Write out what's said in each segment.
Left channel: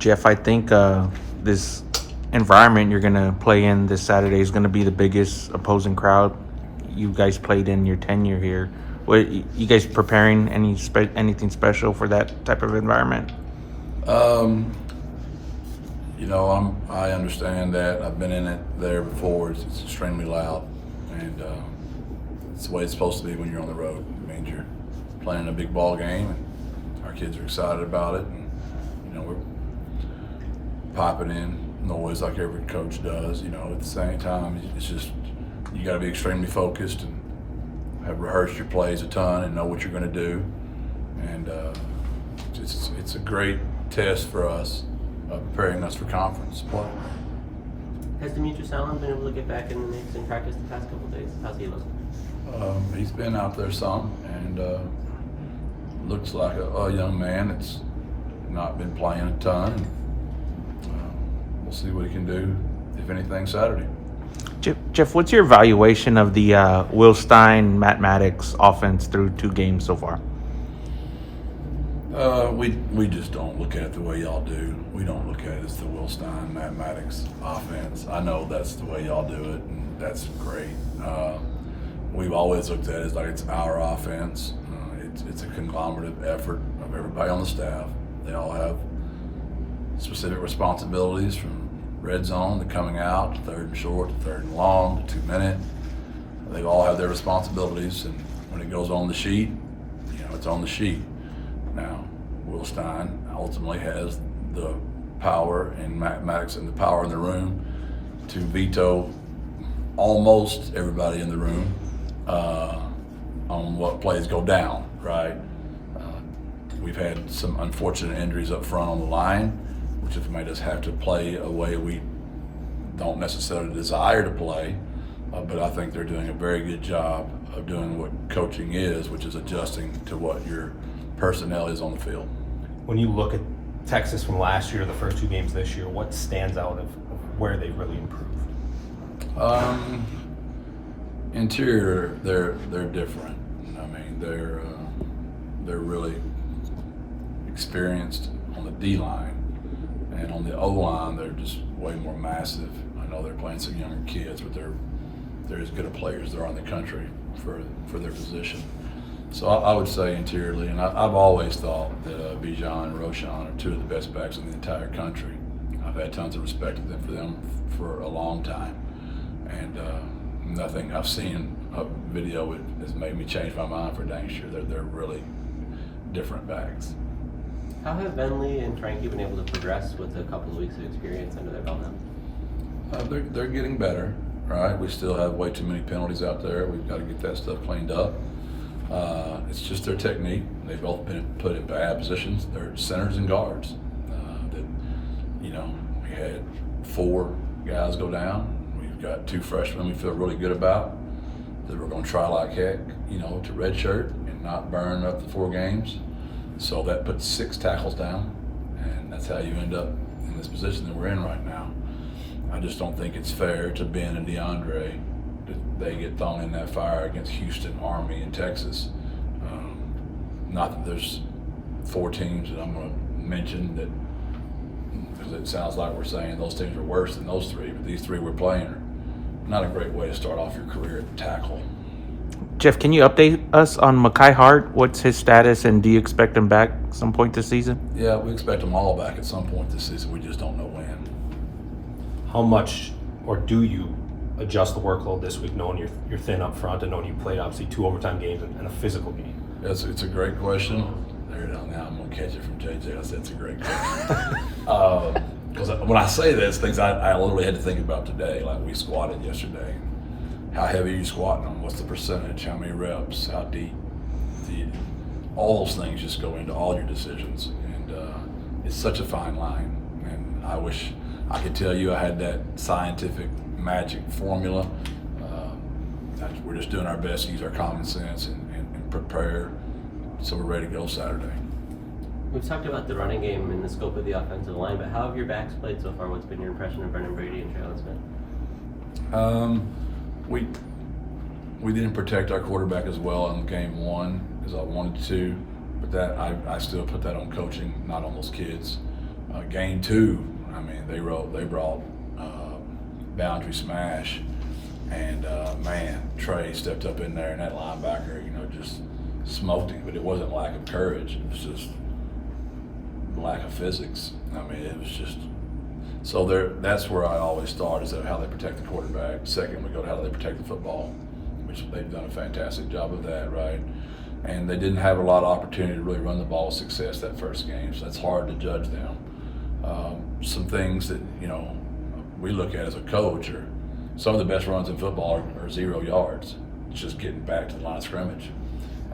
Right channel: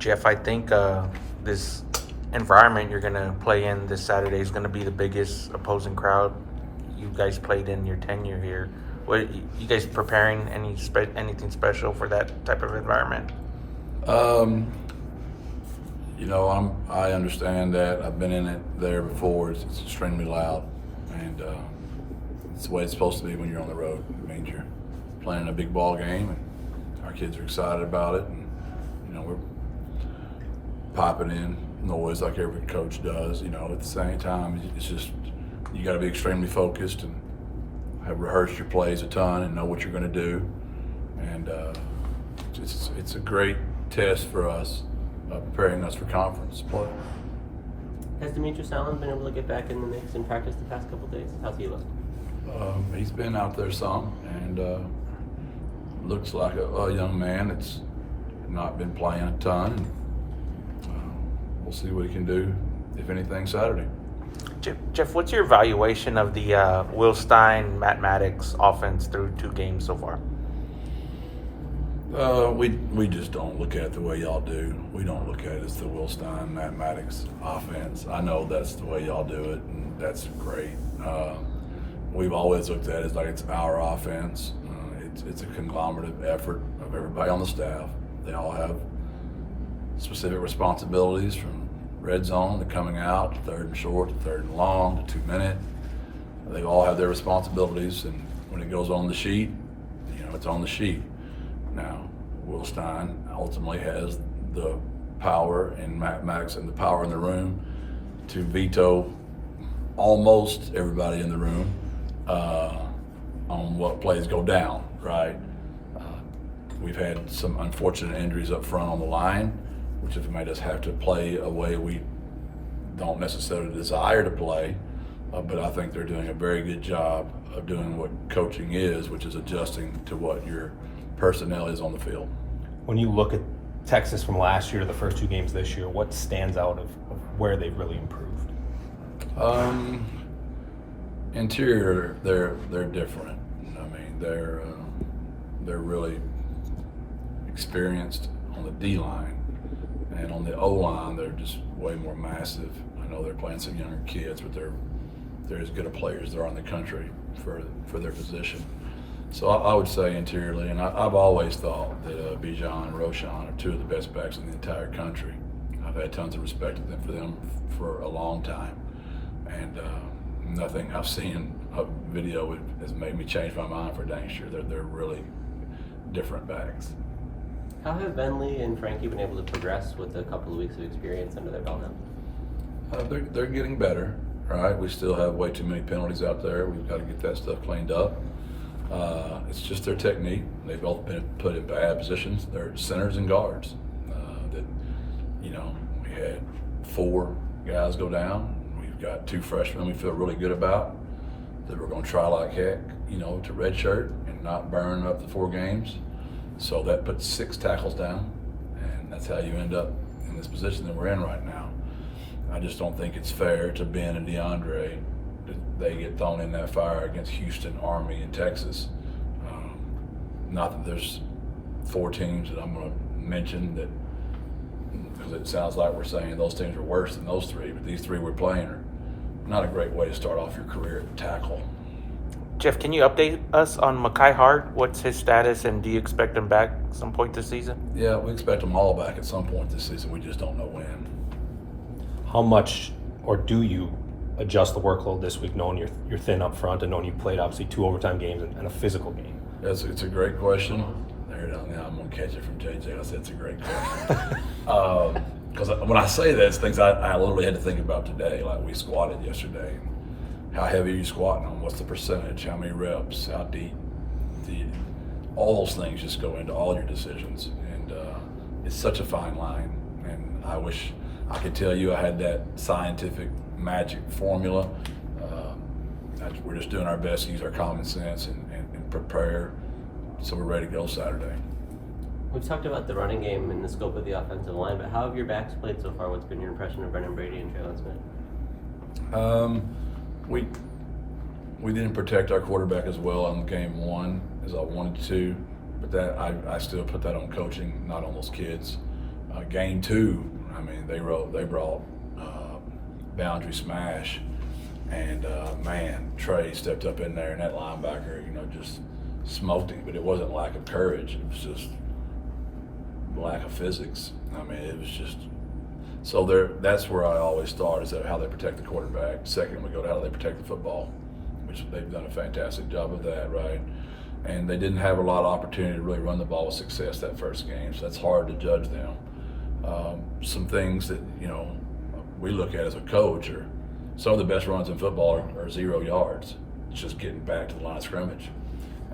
Jeff, I think this environment you're going to play in this Saturday is going to be the biggest opposing crowd you guys played in your tenure here. What, you guys preparing anything special for that type of environment? I understand that. I've been in it there before. It's extremely loud, and it's the way it's supposed to be when you're on the road. It means you're playing a big ball game, and our kids are excited about it, and we're popping in noise like every coach does. At the same time, it's just you got to be extremely focused and have rehearsed your plays a ton and know what you're going to do, and it's a great test for us, preparing us for conference play. Has Demetrius Allen been able to get back in the mix and practice the past couple of days? How's he look? He's been out there some, and looks like a young man that's not been playing a ton. We'll see what he can do, if anything, Saturday. Jeff, what's your evaluation of the Will Stein, Matt Maddox offense through 2 games so far? We just don't look at it the way y'all do. We don't look at it as the Will Stein, Matt Maddox offense. I know that's the way y'all do it, and that's great. We've always looked at it as like it's our offense. It's a conglomerative effort of everybody on the staff. They all have specific responsibilities, from red zone to coming out, to 3rd and short, to 3rd and long, to 2-minute. They all have their responsibilities, and when it goes on the sheet, it's on the sheet. Now, Will Stein ultimately has the power, and Matt Maddox and the power in the room to veto almost everybody in the room on what plays go down, right? We've had some unfortunate injuries up front on the line, which have made us have to play a way we don't necessarily desire to play, but I think they're doing a very good job of doing what coaching is, which is adjusting to what your personnel is on the field. When you look at Texas from last year to the first 2 games this year, what stands out of where they've really improved? Interior, they're different. I mean, they're really experienced on the D line, and on the O line, they're just way more massive. I know they're playing some younger kids, but they're as good a players as there are in the country for their position. So I would say interiorly, and I've always thought that Bijan and Roshan are 2 of the best backs in the entire country. I've had tons of respect for them for a long time, and nothing I've seen a video has made me change my mind for dang sure. They're really different backs. How have Venley and Frankie been able to progress with a couple of weeks of experience under their belt now? They're getting better, right? We still have way too many penalties out there. We've got to get that stuff cleaned up. It's just their technique. They've both been put in bad positions. They're centers and guards. We had 4 guys go down. We've got 2 freshmen we feel really good about that we're going to try like heck, to redshirt and not burn up the 4 games. So that puts 6 tackles down, and that's how you end up in this position that we're in right now. I just don't think it's fair to Ben and DeAndre that they get thrown in that fire against Houston, Army, and Texas. Not that there's 4 teams that I'm going to mention that, because it sounds like we're saying those teams are worse than those 3, but these 3 we're playing are not a great way to start off your career at tackle. Jeff, can you update us on Mekhi Hart? What's his status, and do you expect him back some point this season? Yeah, we expect them all back at some point this season. We just don't know when. How much, or do you adjust the workload this week, knowing you're thin up front and knowing you played obviously 2 overtime games and a physical game? It's a great question. There it is. Now I'm going to catch it from JJ. I said it's a great question. Because when I say that, it's things I literally had to think about today. Like, we squatted yesterday. How heavy are you squatting on? What's the percentage? How many reps? How deep? All those things just go into all your decisions. And it's such a fine line. And I wish I could tell you I had that scientific magic formula. We're just doing our best to use our common sense and prepare so we're ready to go Saturday. We've talked about the running game and the scope of the offensive line, but how have your backs played so far? What's been your impression of Brendan Brady and Traylor Smith? We didn't protect our quarterback as well on game 1 as I wanted to, but that I still put that on coaching, not on those kids. Game 2, I mean, they brought boundary smash, and man, Trey stepped up in there, and that linebacker, just smoked him. But it wasn't lack of courage; it was just lack of physics. I mean, it was just so there. That's where I always start, is how they protect the quarterback. Second, we go to how they protect the football, which they've done a fantastic job of that, right? And they didn't have a lot of opportunity to really run the ball with success that first game, so that's hard to judge them. Some things that we look at as a coach are some of the best runs in football are 0 yards. It's just getting back to the line of scrimmage,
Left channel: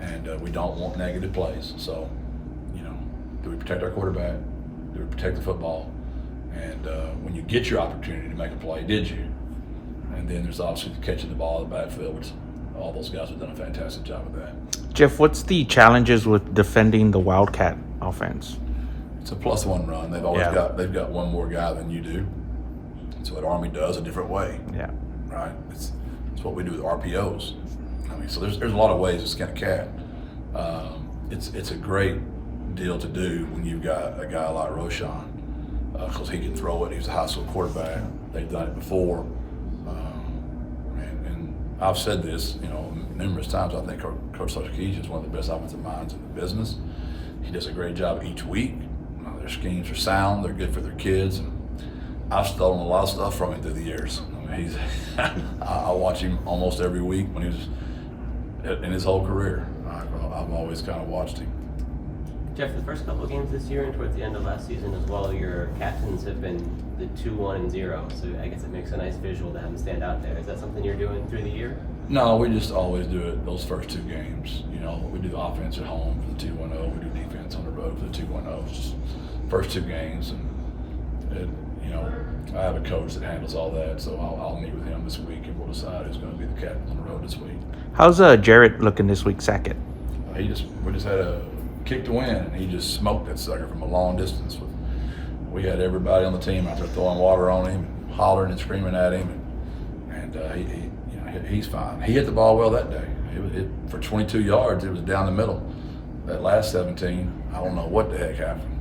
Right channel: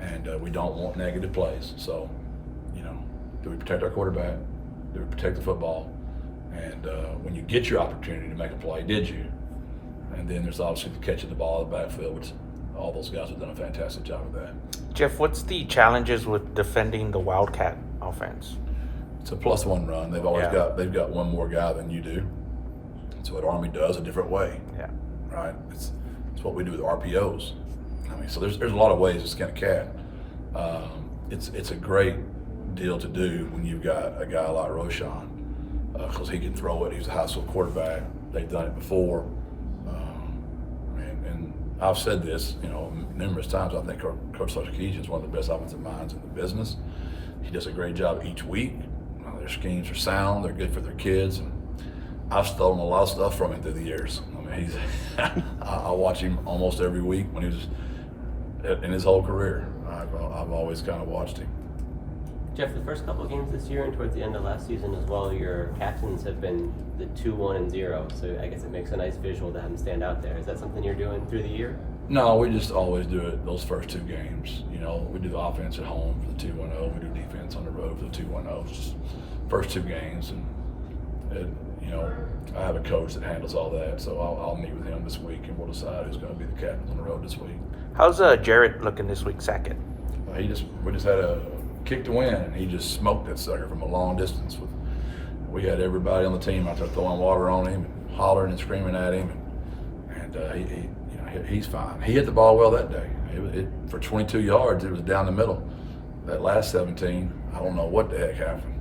and we don't want negative plays. So, do we protect our quarterback? Do we protect the football? And when you get your opportunity to make a play, did you? And then there's obviously the catching the ball in the backfield, which all those guys have done a fantastic job of that. Jeff, what's the challenges with defending the Wildcat offense? It's a +1 run. They've got one more guy than you do. It's what Army does a different way. Yeah. Right. It's what we do with RPOs. I mean, so there's a lot of ways to skin a cat. It's a great deal to do when you've got a guy like Roshan, because he can throw it. He's a high school quarterback. They've done it before. And I've said this, numerous times. I think Coach Sarkisian is one of the best offensive minds in the business. He does a great job each week. Their schemes are sound. They're good for their kids. And I've stolen a lot of stuff from him through the years. I mean, I watch him almost every week when he was in his whole career. I've always kind of watched him. Jeff, the first couple of games this year and towards the end of last season as well, your captains have been the 2-1-0. So I guess it makes a nice visual to have them stand out there. Is that something you're doing through the year? No, we just always do it those first 2 games. We do the offense at home for the 2-1-0. We do defense on the road for the 2-1-0. It's just first 2 games, and I have a coach that handles all that, so I'll meet with him this week, and we'll decide who's going to be the captain on the road this week. How's Jarrett looking this week, second? We just had a kick to win, and he just smoked that sucker from a long distance. We had everybody on the team out there throwing water on him and hollering and screaming at him, and he's fine. He hit the ball well that day. For 22 yards, it was down the middle. That last 17, I don't know what the heck happened.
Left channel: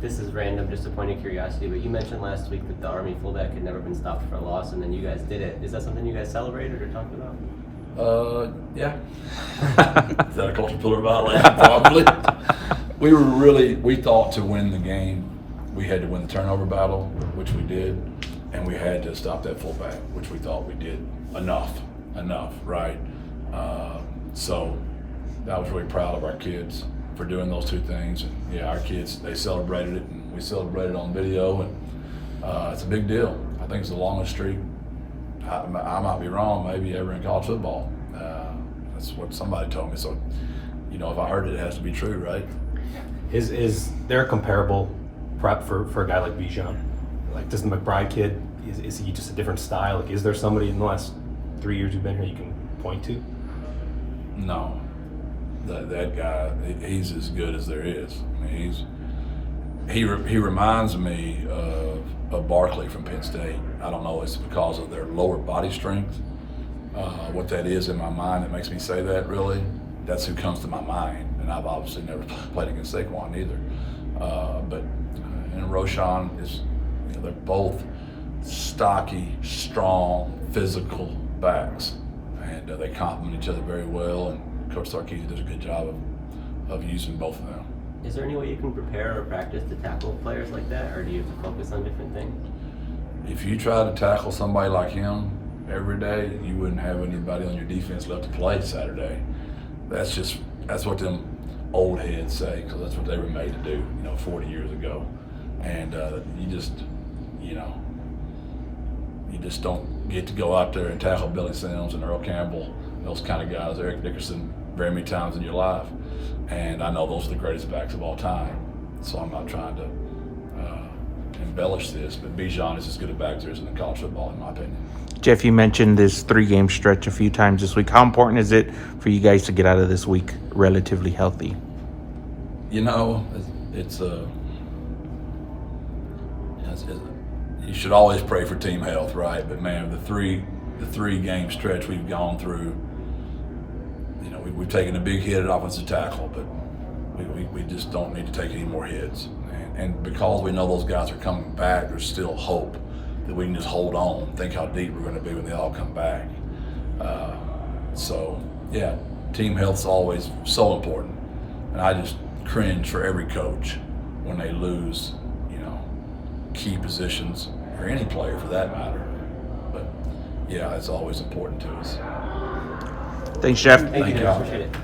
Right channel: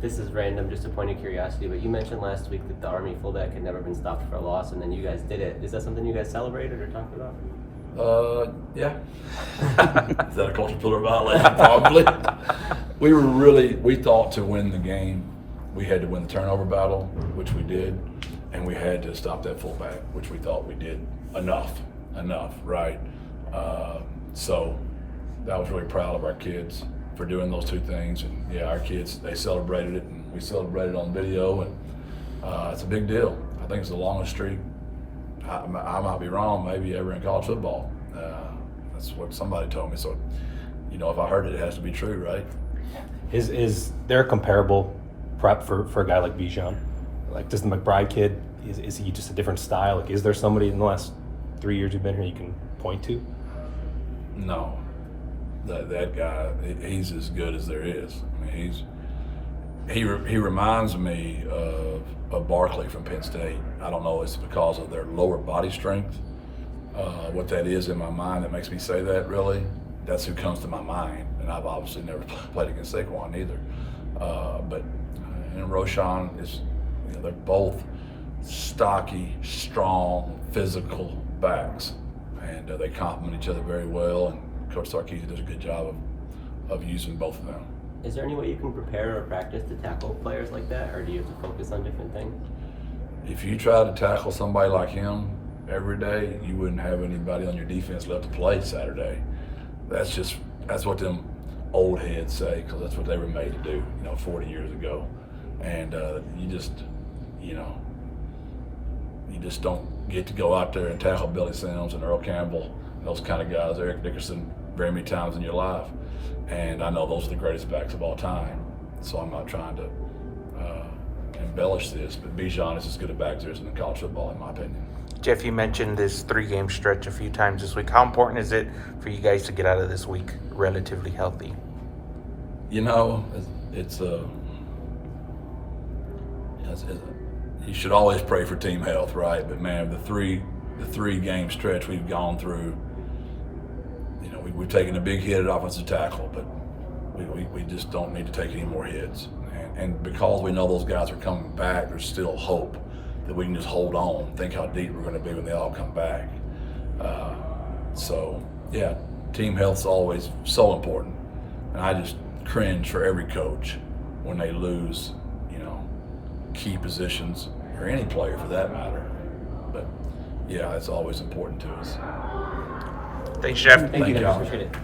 This is random, just a point of curiosity, but you mentioned last week that the Army fullback had never been stopped for a loss, and then you guys did it. Is that something you guys celebrated or talked about? Yeah. Is that a culture pillar violation? Probably. We thought to win the game, we had to win the turnover battle, which we did, and we had to stop that fullback, which we thought we did enough, right? So I was really proud of our kids for doing those 2 things. And yeah, our kids, they celebrated it, and we celebrated on video, and it's a big deal. I think it's the longest streak, I might be wrong, maybe ever in college football. That's what somebody told me. So, if I heard it, it has to be true, right? Is there a comparable prep for a guy like Bijan? Like, does the McBride kid, is he just a different style? Like, is there somebody in the last 3 years you've been here you can point to? No. That guy, he's as good as there is. I mean, he reminds me of Barkley from Penn State. I don't know, it's because of their lower body strength. What that is in my mind that makes me say that, really, that's who comes to my mind. And I've obviously never played against Saquon either. And Roshan is, they're both stocky, strong, physical backs. And they complement each other very well. And Coach Sarkisian does a good job of using both of them. Is there any way you can prepare or practice to tackle players like that, or do you have to focus on different things? If you try to tackle somebody like him every day, you wouldn't have anybody on your defense left to play Saturday. That's what them old heads say, because that's what they were made to do, 40 years ago. And you just don't get to go out there and tackle Billy Sims and Earl Campbell, those kind of guys, Eric Dickerson, very many times in your life. And I know those are the greatest backs of all time. So I'm not trying to embellish this, but Bijan is as good a back as there is in college football, in my opinion. Jeff, you mentioned this 3-game stretch a few times this week. How important is it for you guys to get out of this week relatively healthy? It's you should always pray for team health, right? But man, the three-game stretch we've gone through, we've taken a big hit at offensive tackle, but we just don't need to take any more hits. And because we know those guys are coming back, there's still hope that we can just hold on. Think how deep we're going to be when they all come back. So yeah, team health's always so important, and I just cringe for every coach when they lose, key positions, or any player for that matter. But yeah, it's always important to us. Thanks, Jeff. Thank Thank you, y'all. appreciate it.